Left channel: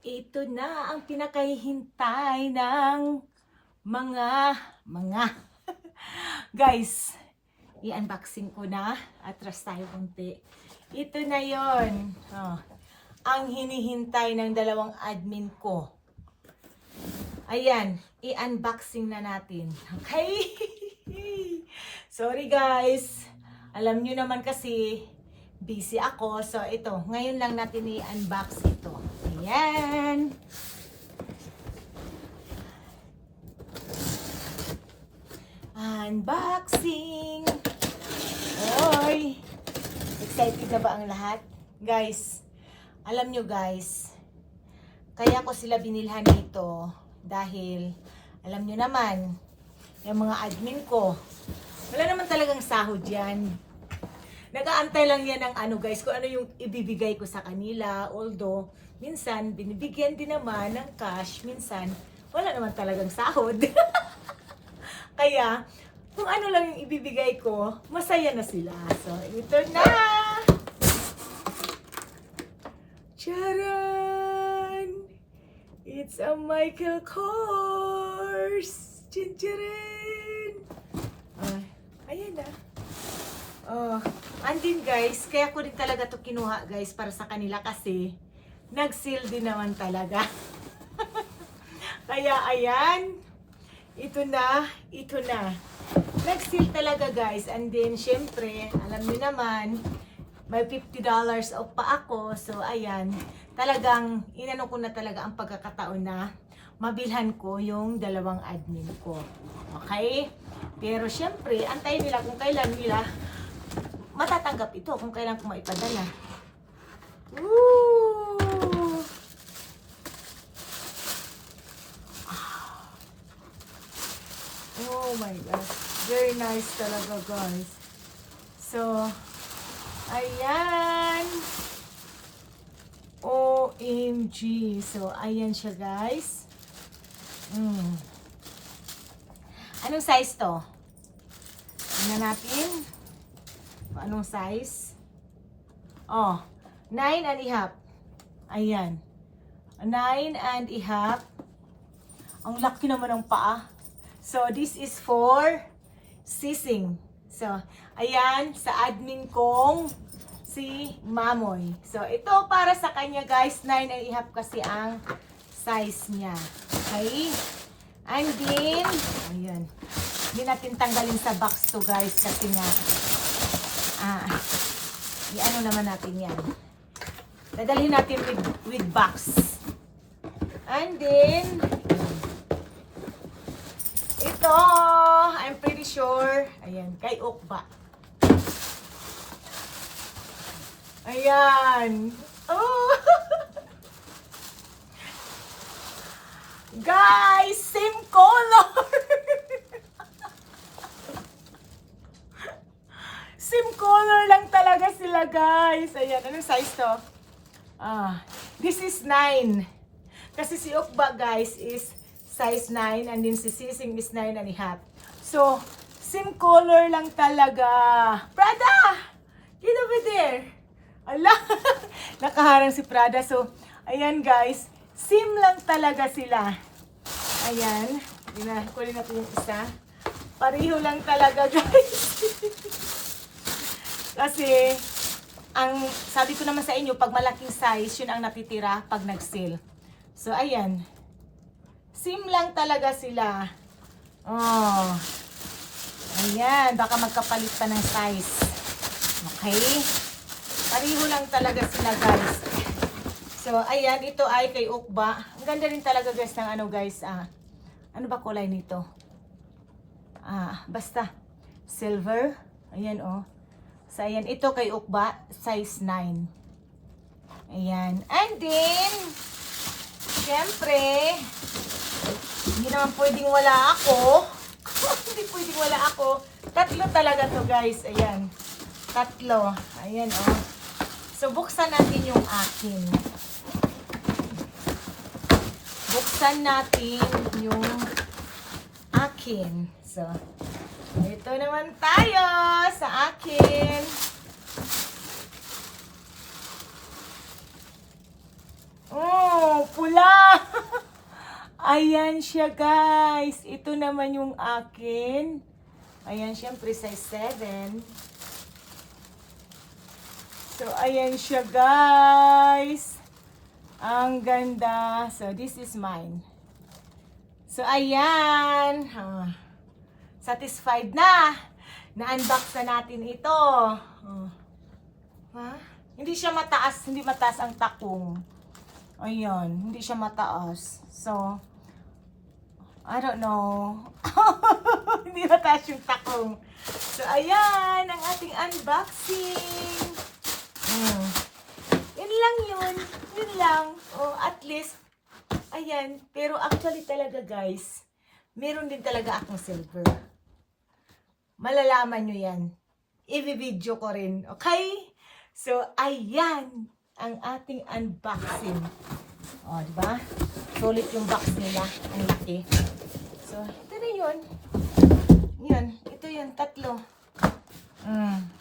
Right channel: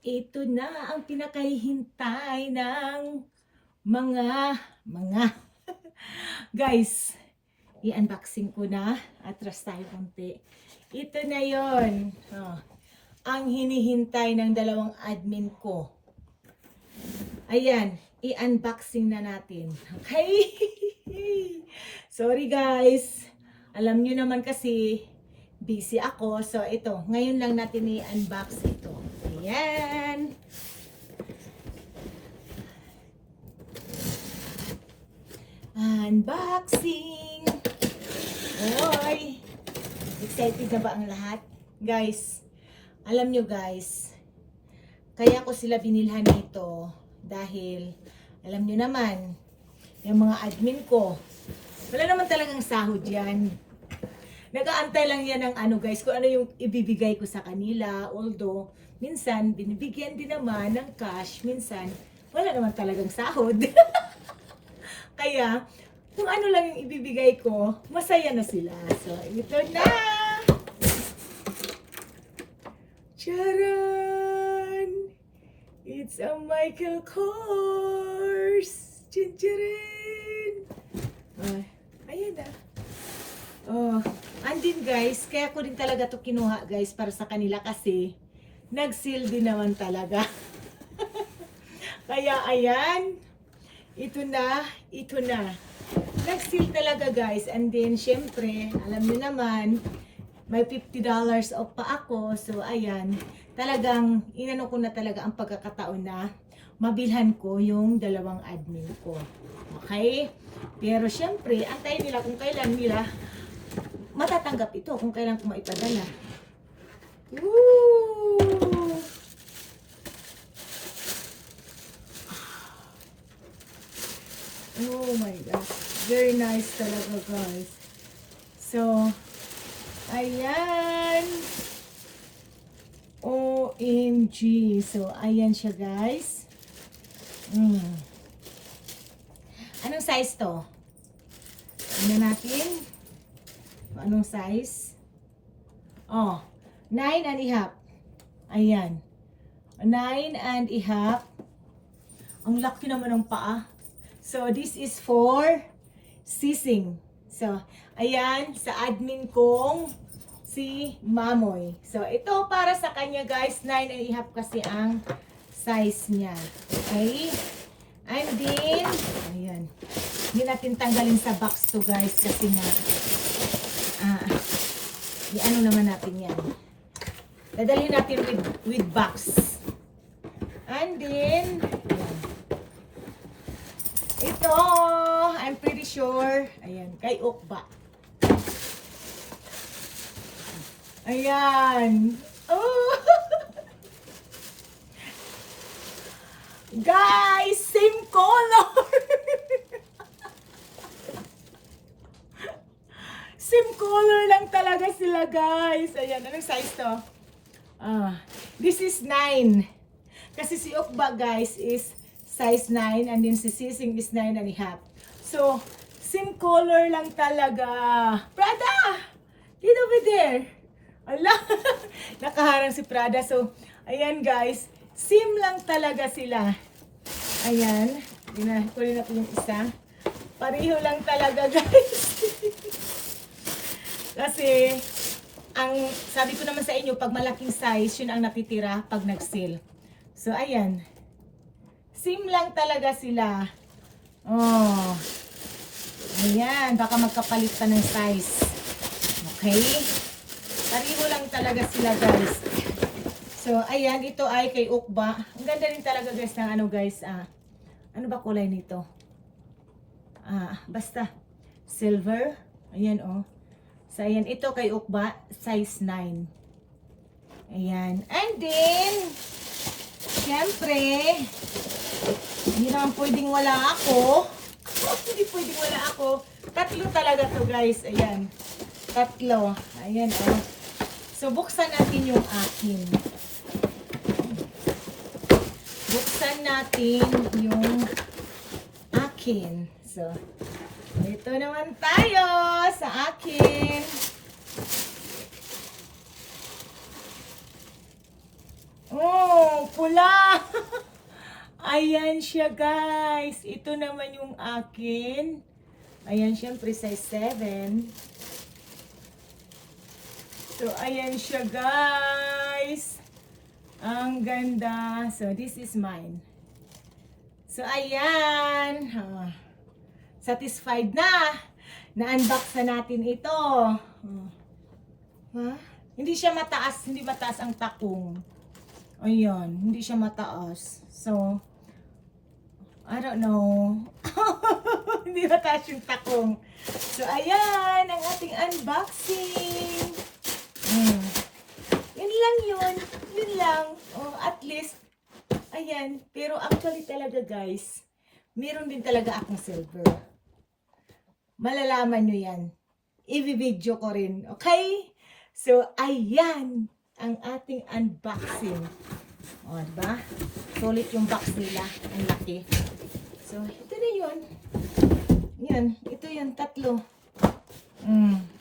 Ito na ang pinakahihintay ng mga, mga. Guys, i-unboxing ko na. Atras tayo konti. Ito na yon. Oh, ang hinihintay ng dalawang admin ko. Ayan, i-unboxing na natin. Okay? Sorry guys. Alam nyo naman kasi, busy ako. So ito, ngayon lang natin i-unbox ito. Ayan. Unboxing! Oy! Excited na ba ang lahat? Guys, alam nyo guys, kaya ko sila binilhan nito dahil alam nyo naman, yung mga admin ko, wala naman talagang sahod yan. Nagaantay lang yan ng ano guys, kung ano yung ibibigay ko sa kanila. Although, minsan, binibigyan din naman ng cash. Minsan, wala naman talagang sahod. Kaya, kung ano lang yung ibibigay ko, masaya na sila. So, ito na! Charan! It's a Michael Kors! Chinchirin! Ay, ayan na. Oh, andin guys, kaya ko din talaga to kinuha guys para sa kanila kasi nag-sale din naman talaga. kaya ayan, ito na, ito na. Nag-sale talaga guys and then syempre, alam niyo naman, may $50 off pa ako. So ayan, talagang inano ko na talaga ang pagkakataon na mabilhan ko yung dalawang admin ko. Okay? Pero syempre, antayin nila kung kailan nila matatanggap ito kung kailan ko maipadala. Woo! Oh my gosh. Very nice talaga guys. So, ayan. OMG. So, ayan siya guys. Mm. Anong size to? Tingnan natin. Kung Anong size? Oh, 9 and a half. Ayan. 9 and a half. Ang laki naman ng paa. So, this is for sising. So, ayan, sa admin kong si Mamoy. So, ito para sa kanya guys, 9 and a half kasi ang size niya. Okay? And then, ayan. Hindi natin tanggalin sa box to guys kasi nga, ah, i-ano naman natin yan. Dadalhin natin with, with box. And then, ito, I'm pretty sure, ayan, kay Okba. Ayan. Oh! Guys, same color! same color lang sila, guys. Ayan, anong size to? Ah, this is 9. Kasi si Okba, guys, is size 9 and then si Sising is 9 and a half. So, same color lang talaga. Prada! Get over there! Ala! Nakaharang si Prada. So, ayan guys. Sim lang talaga sila. Ayan. Kunin na po yung isa. Pareho lang talaga guys. Kasi, ang sabi ko naman sa inyo, pag malaking size, yun ang natitira pag nag-sale. So, ayan. Sim lang talaga sila. Oh. Ayan, baka magkapalit pa ng size. Okay? Pareho lang talaga sila, guys. So, ayan, ito ay kay Ukba. Ang ganda rin talaga, guys, ng ano, guys. Ah, ano ba kulay nito? Ah, basta. Silver. Ayan, oh. So, ayan, ito kay Ukba, size 9. Ayan. And then, syempre, hindi naman pwedeng wala ako. hindi pwedeng wala ako. Tatlo talaga to guys. Ayan. Tatlo. Ayan oh. So buksan natin yung akin. Buksan natin yung akin. So, ito naman tayo sa akin. Oh, pula! Ayan siya, guys. Ito naman yung akin. Ayan, syempre, size 7. So, ayan siya, guys. Ang ganda. So, this is mine. So, ayan. Ah, satisfied na. Na-unbox na natin ito. Oh. Ha? Hindi siya mataas. Hindi mataas ang takong. Ayan. Hindi siya mataas. So, I don't know. hindi mataas yung takong. So, ayan. Ang ating unboxing. Hmm. Yun lang yun. Yun lang. Oh, at least, ayan. Pero actually talaga guys, meron din talaga akong silver. Malalaman nyo yan. I-video ko rin. Okay? So, ayan ang ating unboxing. O, oh, diba? Sulit yung box nila. Ang laki. So, ito na yun. Yan. Ito yun. Tatlo. Mm.